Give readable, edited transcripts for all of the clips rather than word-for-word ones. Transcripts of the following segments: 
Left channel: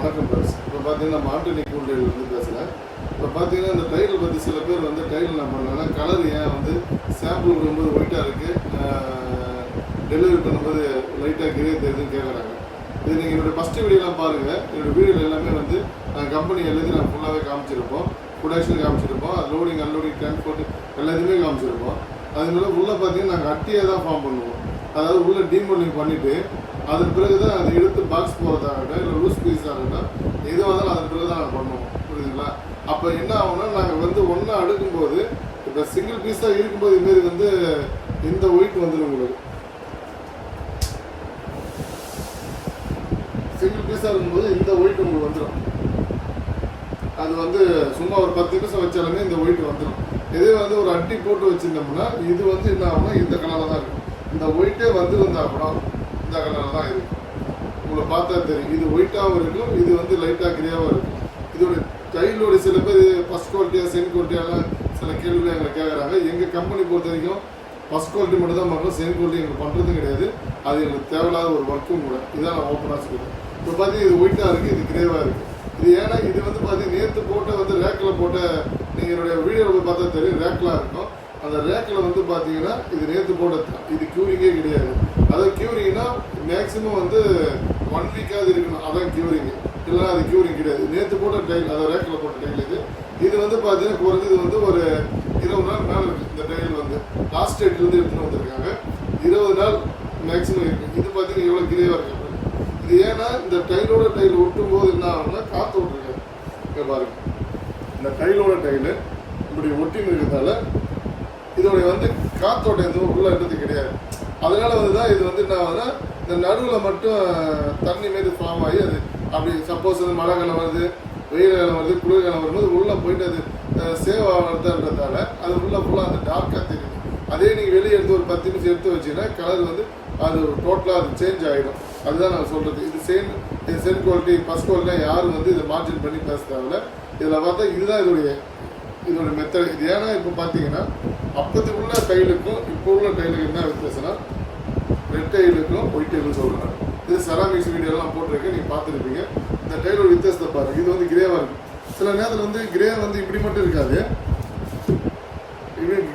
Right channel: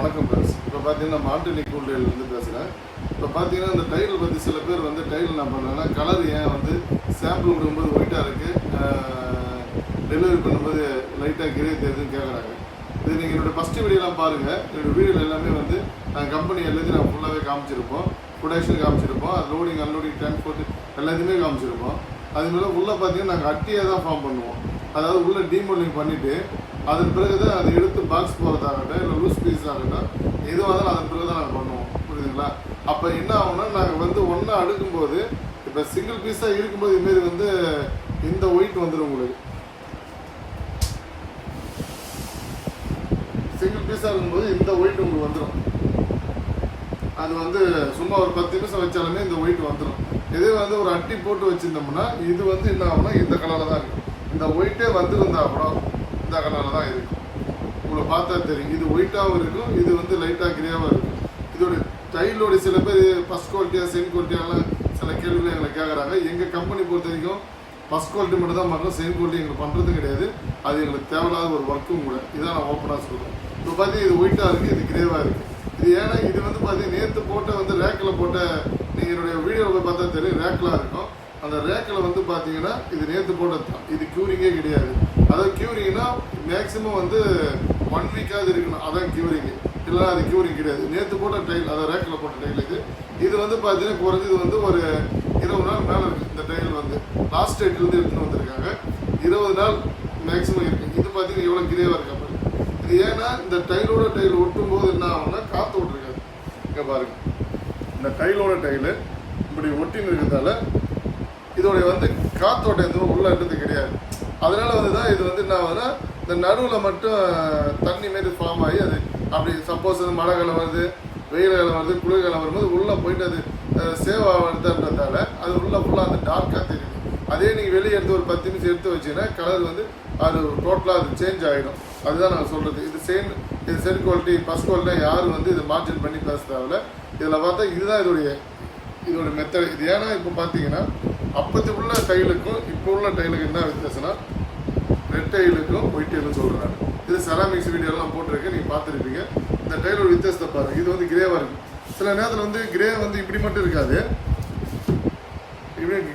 வணக்கம் ஃப்ரெண்ட்ஸ். இப்போ பார்த்தீங்கன்னா மாட்டு கூல்டையிலேருந்து பேசுகிறேன். இப்போ பார்த்தீங்கன்னா இந்த டைல் பற்றி சில பேர் வந்து டைல் என்ன பண்ணாங்கன்னா கலர் ஏன் வந்து சாம்பிள் விடும்போது ஒயிட்டாக இருக்குது, டெலிவரி பண்ணும்போது லைட்டாக கிரே தெரியுதுன்னு கேட்குறாங்க. இது நீங்கள் என்னோடய ஃபஸ்ட்டு வீடியோலாம் பாருங்கள். என்னோடய வீடியோவில் எல்லாமே வந்து கம்பெனி எல்லாத்தையும் நான் ஃபுல்லாகவே காமிச்சிருப்போம், ப்ரொடக்ஷன் காமிச்சிருப்போம், லோடிங் அன்லோடிங் டிரான்ஸ்போர்ட் எல்லாத்தையுமே காமிச்சிருப்போம். அதுமாதிரி உள்ளே பார்த்தீங்கன்னா நாங்கள் அட்டியை தான் ஃபார்ம் பண்ணுவோம். அதாவது உள்ளே டீமோல்டிங் பண்ணிவிட்டு அதன் பிறகு தான் அதை எடுத்து பாக்ஸ் போகிறதாகட்டும் இல்லை லூஸ் பீஸ் ஆகட்டும் எதுவாக இருந்தாலும் அதன் பிறகு தான் நாங்கள் பண்ணுவோம். புரியுதுங்களா? அப்போ என்ன ஆகும்னா நாங்கள் வந்து ஒன்றா அடுக்கும்போது இப்போ சிங்கிள் பீஸாக இருக்கும்போது இதுமாரி வந்து இந்த ஒயிட் வந்துடும். உங்களுக்கு சிங்கிள் பீஸாக இருக்கும்போது இந்த ஒயிட் உங்களுக்கு வந்துடும். அது வந்து சும்மா ஒரு 10 நிமிஷம் வச்சாலுமே இந்த ஒயிட் வந்துடும். இதே வந்து ஒரு அட்டி போட்டு வச்சுருந்தோம்னா இது வந்து என்ன ஆகும்னா இந்த கலரில் தான் இருக்கும். இந்த ஒயிட்டே வந்துருந்தா அப்புறம் இந்த கலரில் தான் இருக்கும். உங்களை பார்த்தா தெரியும். இது ஒயிட்டாகவும் இருக்கும், இது வந்து லைட்டாக கிரியாகவும் இருக்கும். இதோட டைலோட சில பேர் ஃபஸ்ட் குவாலிட்டியாக செகண்ட் குவாலிட்டியாக சில கேள்விகள் எங்களை கேட்குறாங்க. எங்கள் கம்பெனி பொறுத்த வரைக்கும் ஃபஸ்ட் குவாலிட்டி மட்டும் தான் பண்ணுறோம், செகண்ட் குவாலிட்டி எங்களுக்கு பண்ணுறதும் கிடையாது. அது எங்களுக்கு தேவையில்லாத ஒரு ஒர்க்கும் கூட. இதான் நான் ஓப்பனாக சொல்லுவேன். இப்போ பார்த்தீங்கன்னா இது ஒயிட்டாக இருக்குது, இது கிரேவாக இருக்குது. இது ஏன்னா இது வந்து பார்த்தீங்கன்னா நேற்று போட்டு வந்து ரேக்கில் போட்ட நீங்கள் என்னுடைய வீடியோவில் போய் பார்த்தா தெரியும், ரேக்கில் இருக்கும். அந்த ரேக்கில் வந்து பார்த்தீங்கன்னா இது நேற்று போட்டது, இது க்யூரிங்கே கிடையாது. அதாவது க்யூரிங்னா மேக்ஸிமம் வந்து 1 வீக்காவது இருக்கணும், அதான் க்யூரிங்கு. இல்லைனா அது க்யூரிங் கிடையாது. நேற்று போட்ட டைல், அதாவது ரேக்கில் போட்ட டைலுக்கு இது வந்து பார்த்தீங்கன்னா குறைஞ்சது வந்து ஒரு 20 நாள் மேலே இருக்குது. இந்த டைல் வந்து லாஸ்ட் டேட்லேருந்து எடுத்துகிட்டு வந்திருக்காங்க. 20 நாள் மேக்ஸிமம் இருக்குது. இது பார்த்தீங்கன்னா எவ்வளோ கிளியராக இருக்காங்க. இது ஏன்னா இந்த டைலோட டைல் ஒட்டும் போது என்ன ஆகும்னா காற்று ஓட்டிருக்காது. இங்கே பாருங்க, இந்த டைலோட டைலு இப்படி ஒட்டின்னு இருக்கிறதால இதோடைய வந்து காற்றோட்ட எதுவும் உள்ளது கிடையாது. அதனால வந்து தான் இது வந்து என்ன ஆகுதுன்னா இந்த நடுவில் மட்டும் தண்ணி மாரி ஃபார்ம் ஆகி அது அப்படி சப்போஸ் வந்து மழை காலம் வருது, வெயில் காலம் வருது, குளிர்காலம் வரும்போது உள்ளே போயிட்டு அது சேவ் ஆகிறதுன்றதால அது ஃபுல்லாக அந்த டார்க்காக தெரியுது. அதே நீங்கள் வெளியே எடுத்து ஒரு 10 நிமிஷம் எடுத்து வச்சிங்கன்னா கலர் வந்து அது டோட்டலாக அது சேஞ்ச் ஆகிடும். அதுதான் நான் சொல்கிறது. இது செகண்ட் குவாலிட்டி ஃபஸ்ட் குவாலிட்டியாக யாரும் வந்து இதை மார்ஜின் பண்ணி பேச தேவையில்ல. இதில் பார்த்தா இதுதான் இதோட மெத்தட். இது ஏன்னா இப்போ பார்த்தீங்கன்னா அப்போது உள்ள டைலுக்கும் இப்போ உள்ள டைலுக்கு என்ன வித்தியாசம்னா ரெட் டைலுக்கும் ஒயிட் டைலும் சொல்கிறேன். இது செராமிக்ஸ் வீடியோலாம் போட்டிருக்கேன், நீங்கள் பார்த்துருப்பீங்க. இந்த டைலோட வித்தியாசத்தை பாருங்கள். இது வந்து கிரேவாக இருக்குது. சில நேரத்தில் வந்து கிரே வந்து இப்படி மட்டும் இருக்காது,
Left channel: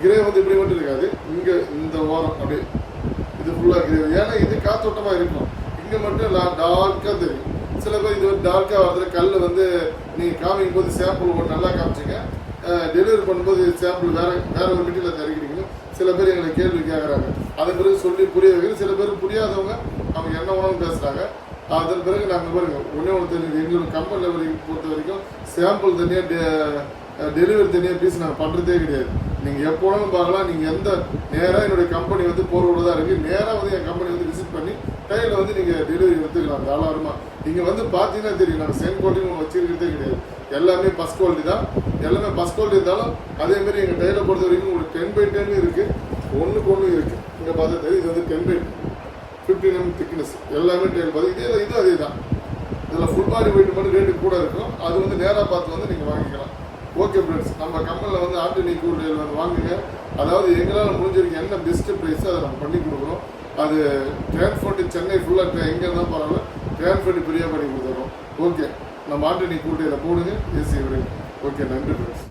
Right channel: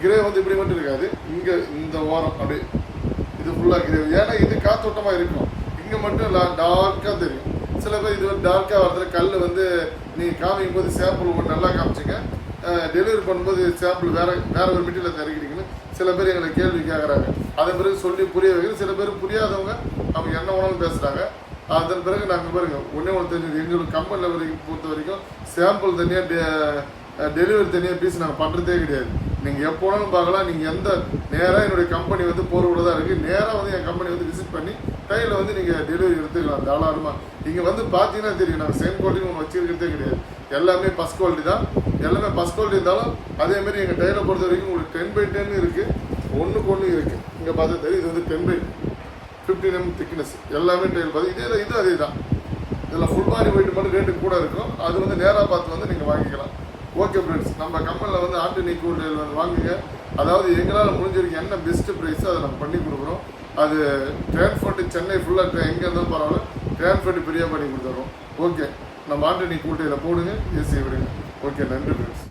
கிரே வந்து இப்படி மட்டும் இருக்காது. இங்கே இந்த ஓரம் அப்படி இது ஃபுல்லாக கிரே. ஏன்னா இது காற்றோட்டமாக இருக்கும், இங்கே மட்டும் டார்க்காக தெரியும். சில பேர் இது வந்து டார்க்காக வரதுல கல் வந்து நீங்கள் காமிக்கும் போது சாம்பிள் நல்லா காமிச்சிங்க, டெலிவரி பண்ணும்போது சாம்பிள் வேற ஒரு மெட்டீரியல் தருகிறீங்கன்னு சில பேர் எங்களை கேள்வி கேட்குறாங்க. அதன் பிறகு சொல்லி புரிய வைக்கிறது. சில பேர் புரியாதவங்க அவங்க என்ன உணவு பேசுகிறாங்க. அதன் பிறகு நாங்கள் பாருங்க ஒன்றே தெரிஞ்சது, எங்களுக்கு கம்பெனியில் பொறுத்த வரைக்கும் சாம்பிள் தனியாக டெலிவரி தனியாக பீஸ் நாங்கள் பண்ணுறதே கிடையாது. நீங்கள் எப்போனாலும் பார்க்கலாம். நீங்கள் எந்த நேராக என்னுடைய கம்பெனி வந்து போகிறோட தான் இருக்குது. நேராக வந்து என் கம்பெனி வந்து விசிட் பண்ணி கையில் வந்து நீங்கள் டெலிவரி எடுத்துக்கலாம் தாராளமாக. இங்கே வந்து பார்த்தீங்கன்னா தெரியும், நாங்கள் செகண்ட் குவாலிட்டி ஒன்று வச்சுருக்கிறதே கிடையாது. எல்லாமே ஃபஸ்ட் குவாலிட்டி தான். எல்லாமே ஃபஸ்ட் குவாலிட்டி இருந்தாலும் அதேமாரி எங்கள் டைலை பொறுத்த வரைக்கும் உங்களுக்கு 10x10 இருக்குது, 1:1 இருக்குது. இங்கே பார்த்தா தெரியும், இது வந்து 10x15 mm திக்னஸ். எல்லாமே டைல் பார்த்து இது அதே தான். இதில் ஃபுல் பாடி வெயிட் மட்டும் ரேட்டு கூட இருக்கும். அது வந்து நேராக பார்த்து வந்து நீங்கள் வாங்கிக்கலாம். ஓகே ஃப்ரெண்ட்ஸ், நம்ம கம்பெனியில் வந்து ஆர்டினி கூல் டைல் வந்து வாங்குங்க. அதாவது எங்களால் முடிஞ்சிருக்கு என்ன பெஸ்ட்டு ப்ரைஸோ அதை நம்ம பண்ணி கொடுக்குறோம். அது டிரான்ஸ்போர்ட்டு சென்னை ஃபுல்லாக எங்கே இருந்தால் பரவாயில்ல, டிரான்ஸ்போர்ட்டு ஃப்ரீயாக பண்ணி கொடுத்துட்றோம். ஓகே, நம்ம ஆர்டினி கூல் டைலை போடுங்க, ஏசி விடுங்க. ஓகே, நன்றி ஃப்ரெண்ட்ஸ்.